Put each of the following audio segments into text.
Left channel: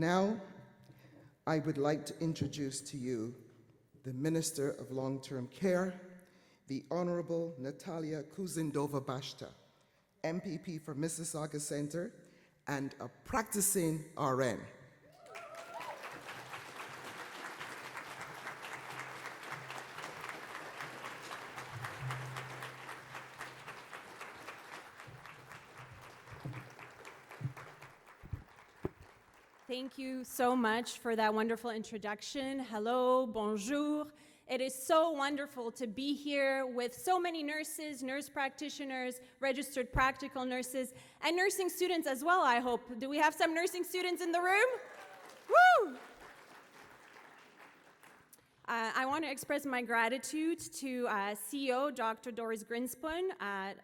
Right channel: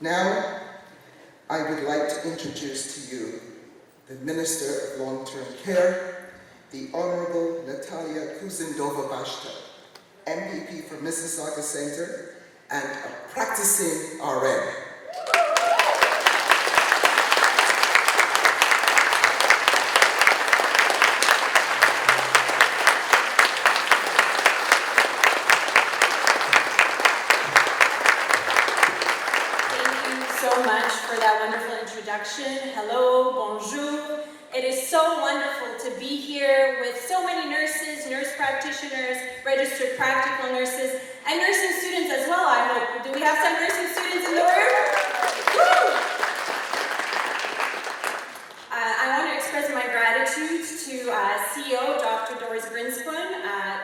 Now, I would like to introduce to you the Minister of Long-Term Care, the Honorable Natalia Kusendova-Bashta, MPP for Mississauga Centre and a practicing RN. Hello, bonjour. It is so wonderful to be here with so many nurses, nurse practitioners, registered practical nurses, and nursing students as well, I hope. Do we have some nursing students in the room? Woo! I want to express my gratitude to CEO Dr. Doris Grinspoon,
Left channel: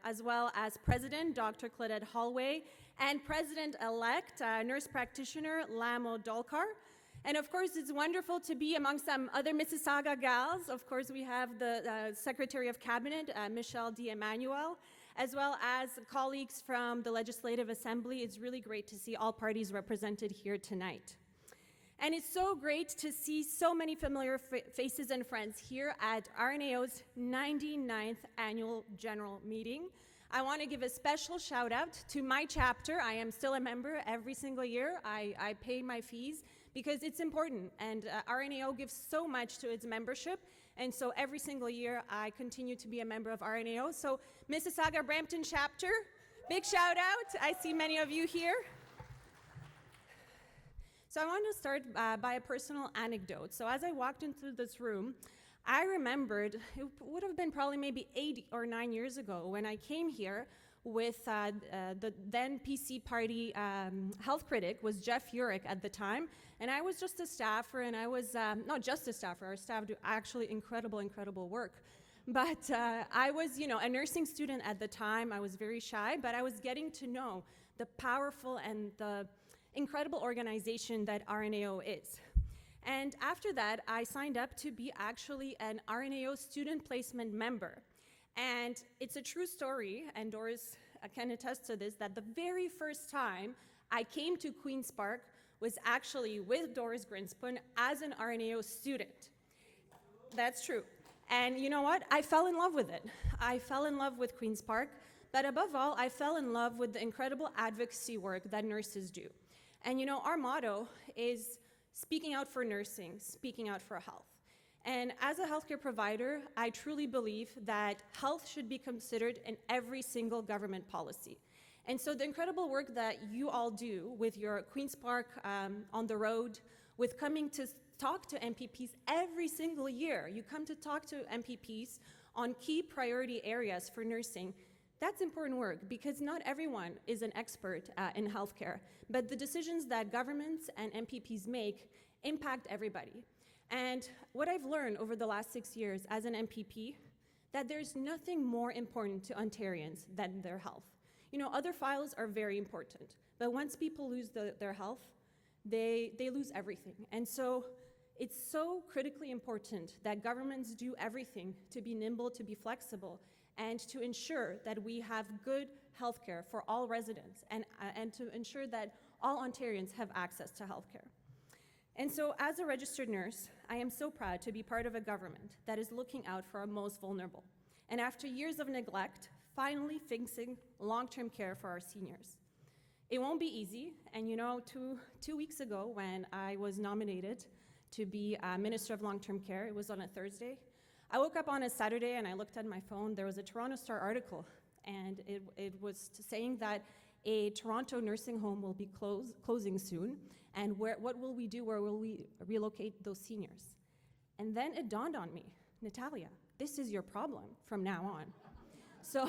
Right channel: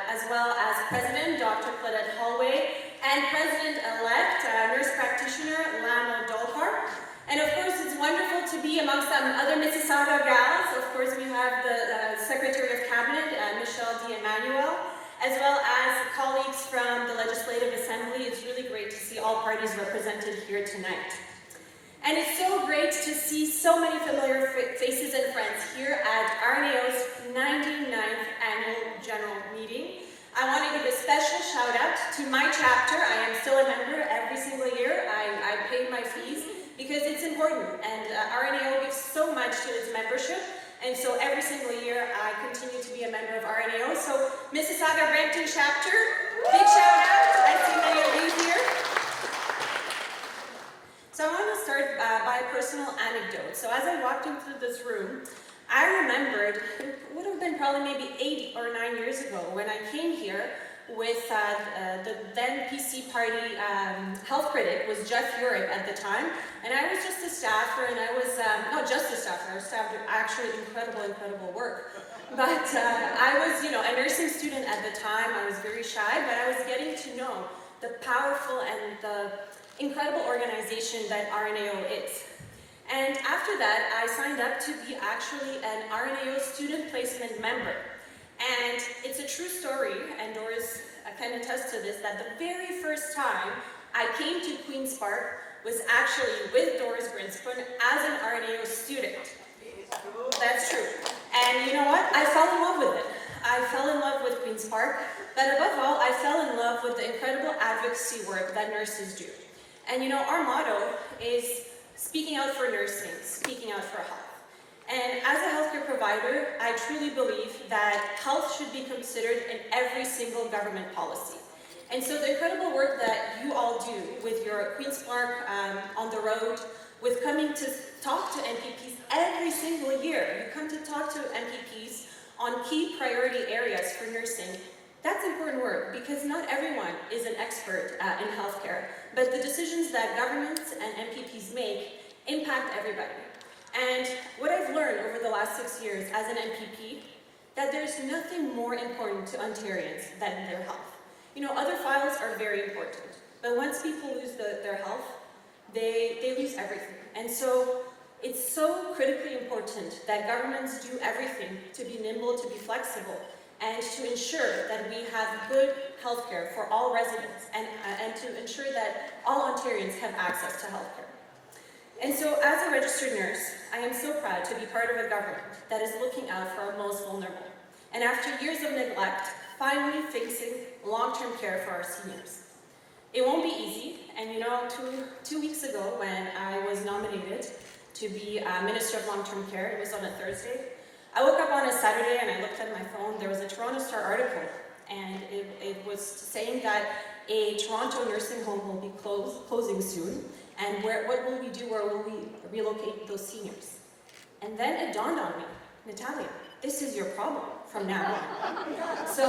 as well as President Dr. Claudette Holloway, and President-elect Nurse Practitioner Lana Dolkar. And of course, it's wonderful to be amongst some other Mississauga gals. Of course, we have the Secretary of Cabinet, Michelle D'Emmanuel, as well as colleagues from the Legislative Assembly. It's really great to see all parties represented here tonight. And it's so great to see so many familiar faces and friends here at RNAO's 99th Annual General Meeting. I want to give a special shout out to my chapter. I am still a member every single year. I pay my fees, because it's important, and RNAO gives so much to its membership, and so every single year I continue to be a member of RNAO. So Mississauga Brampton chapter, big shout out. I see many of you here. So I want to start by a personal anecdote. So as I walked into this room, I remembered, it would have been probably maybe 8 or 9 years ago when I came here with the then PC Party health critic was Jeff Urich at the time, and I was just a staffer, and I was, not just a staffer, I was staffed actually incredible work. But I was, a nursing student at the time. I was very shy, but I was getting to know the powerful and the incredible organization that RNAO is. And after that, I signed up to be actually an RNAO student placement member. And it's a true story, and Doris can attest to this, that the very first time I came to Queen's Park was actually with Doris Grinspoon as an RNAO student. That's true. And you know what? I fell in love with it. I fell in love with Queen's Park, but above all, I fell in love with the incredible advocacy work that nurses do. And our motto is speaking out for nursing, speaking out for health. And as a healthcare provider, I truly believe that health should be considered in every single government policy. And so the incredible work that you all do with your Queen's Park on the road, with coming to talk to MPPs every single year, you come to talk to MPPs on key priority areas for nursing. That's important work, because not everyone is an expert in healthcare, but the decisions that governments and MPPs make impact everybody. And what I've learned over the last 6 years as an MPP, that there's nothing more important to Ontarians than their health. Other files are very important, but once people lose their health, they lose everything. And so it's so critically important that governments do everything to be nimble, to be flexible, and to ensure that we have good healthcare for all residents, and to ensure that all Ontarians have access to healthcare. And so as a registered nurse, I am so proud to be part of a government that is looking out for our most vulnerable. And after years of neglect, finally fixing long-term care for our seniors. It won't be easy, and two weeks ago when I was nominated to be Minister of Long-Term Care, it was on a Thursday, I woke up on a Saturday and I looked at my phone. There was a Toronto Star article, and it was saying that a Toronto nursing home will be closing soon. And what will we do? Where will we relocate those seniors? And then it dawned on me, Natalia, this is your problem from now on. So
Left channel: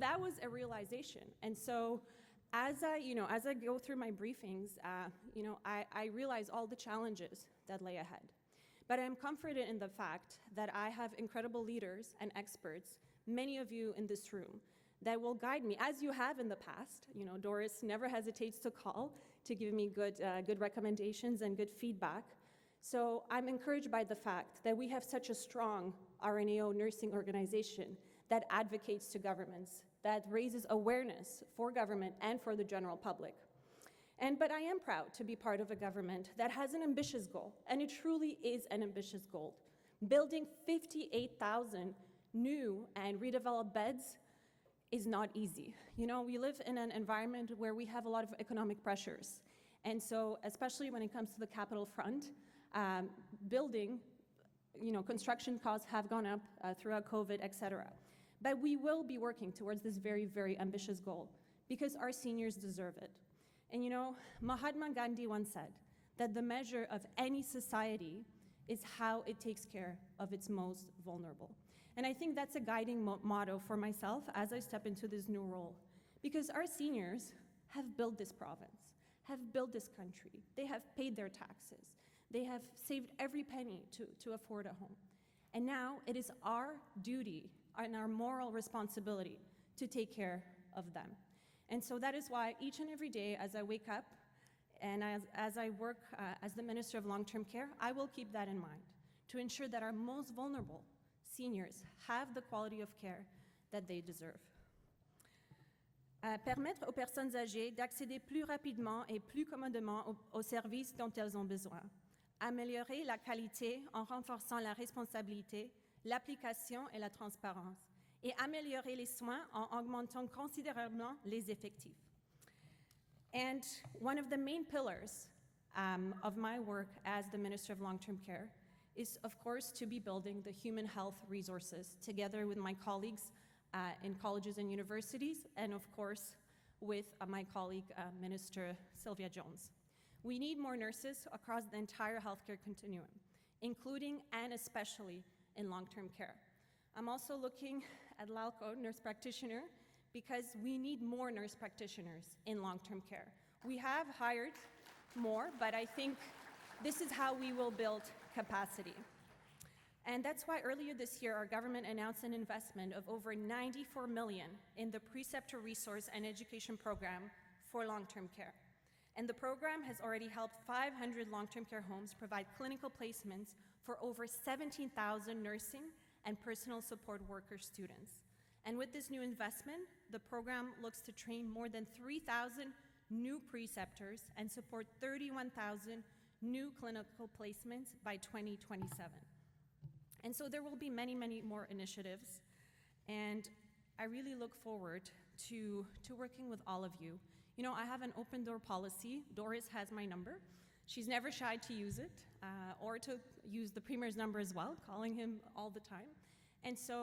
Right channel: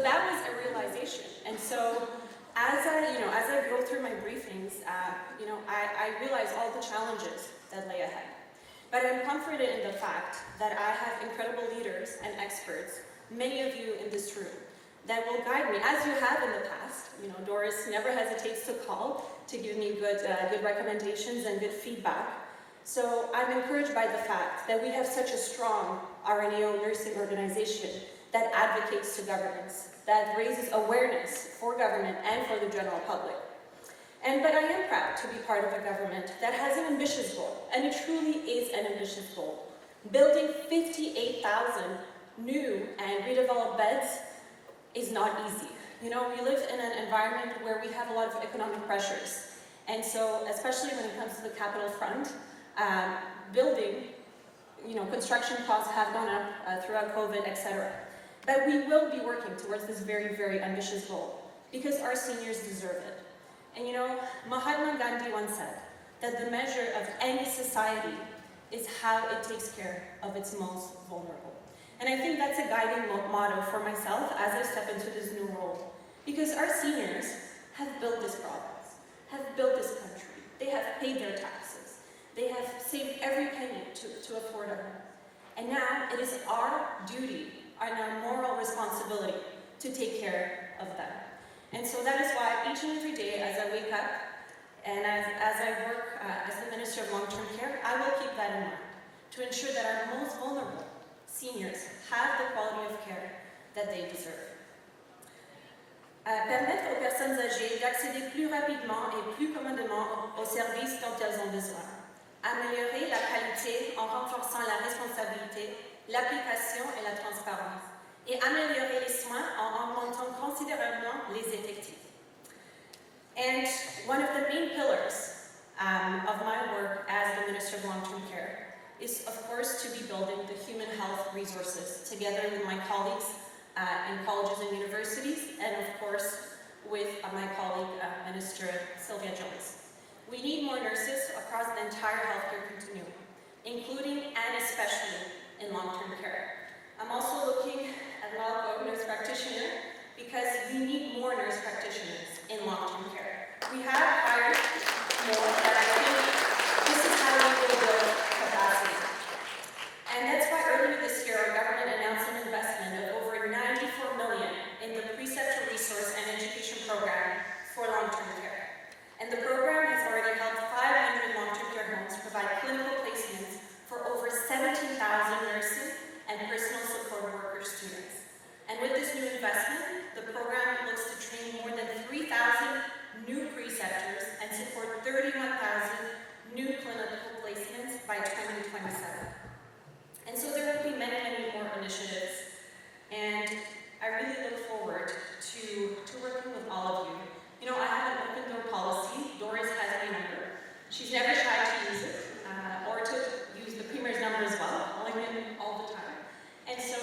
that was a realization. And so as I go through my briefings, I realize all the challenges that lay ahead. But I'm comforted in the fact that I have incredible leaders and experts, many of you in this room, that will guide me, as you have in the past. Doris never hesitates to call to give me good recommendations and good feedback. So I'm encouraged by the fact that we have such a strong RNAO nursing organization that advocates to governments, that raises awareness for government and for the general public. But I am proud to be part of a government that has an ambitious goal, and it truly is an ambitious goal. Building 58,000 new and redeveloped beds is not easy. You know, we live in an environment where we have a lot of economic pressures. And so, especially when it comes to the capital front, building, construction costs have gone up throughout COVID, etc. But we will be working towards this very, very ambitious goal because our seniors deserve it. And Mahatma Gandhi once said that the measure of any society is how it takes care of its most vulnerable. And I think that's a guiding motto for myself as I step into this new role. Because our seniors have built this province, have built this country. They have paid their taxes. They have saved every penny to afford a home. And now it is our duty and our moral responsibility to take care of them. And so that is why each and every day as I wake up and as I work as the Minister of Long-Term Care, I will keep that in mind to ensure that our most vulnerable seniors have the quality of care that they deserve. Permettre aux personnes âgées d'accéder plus rapidement et plus commodément aux services dont elles ont besoin. Améliorer la qualité en renforçant la responsabilité, l'application et la transparence. Et améliorer les soins en augmentant considérablement les effectifs. And one of the main pillars of my work as the Minister of Long-Term Care is, of course, to be building the human health resources together with my colleagues in colleges and universities, and of course with my colleague, Minister Sylvia Jones. We need more nurses across the entire healthcare continuum, including and especially in long-term care. I'm also looking at an nurse practitioner because we need more nurse practitioners in long-term care. We have hired more, but I think this is how we will build capacity. And that's why earlier this year our government announced an investment of over $94 million in the Preceptor Resource and Education Program for long-term care. And the program has already helped 500 long-term care homes provide clinical placements for over 17,000 nurses and personal support worker students. And with this new investment, the program looks to train more than 3,000 new preceptors and support 31,000 new clinical placements by 2027. And so there will be many, many more initiatives. And I really look forward to working with all of you. I have an open door policy. Doris has my number. She's never tried to use it or to use the Premier's number as well, only been all the time. And so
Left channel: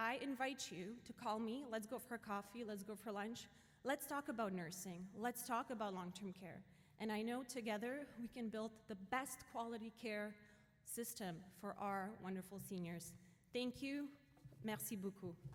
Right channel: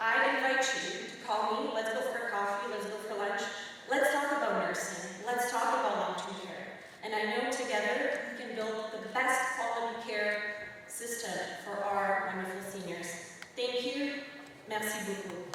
I invite you to call me. Let's go for a coffee. Let's go for lunch. Let's talk about nursing. Let's talk about long-term care. And I know together we can build the best quality care system for our wonderful seniors. Thank you. Merci beaucoup.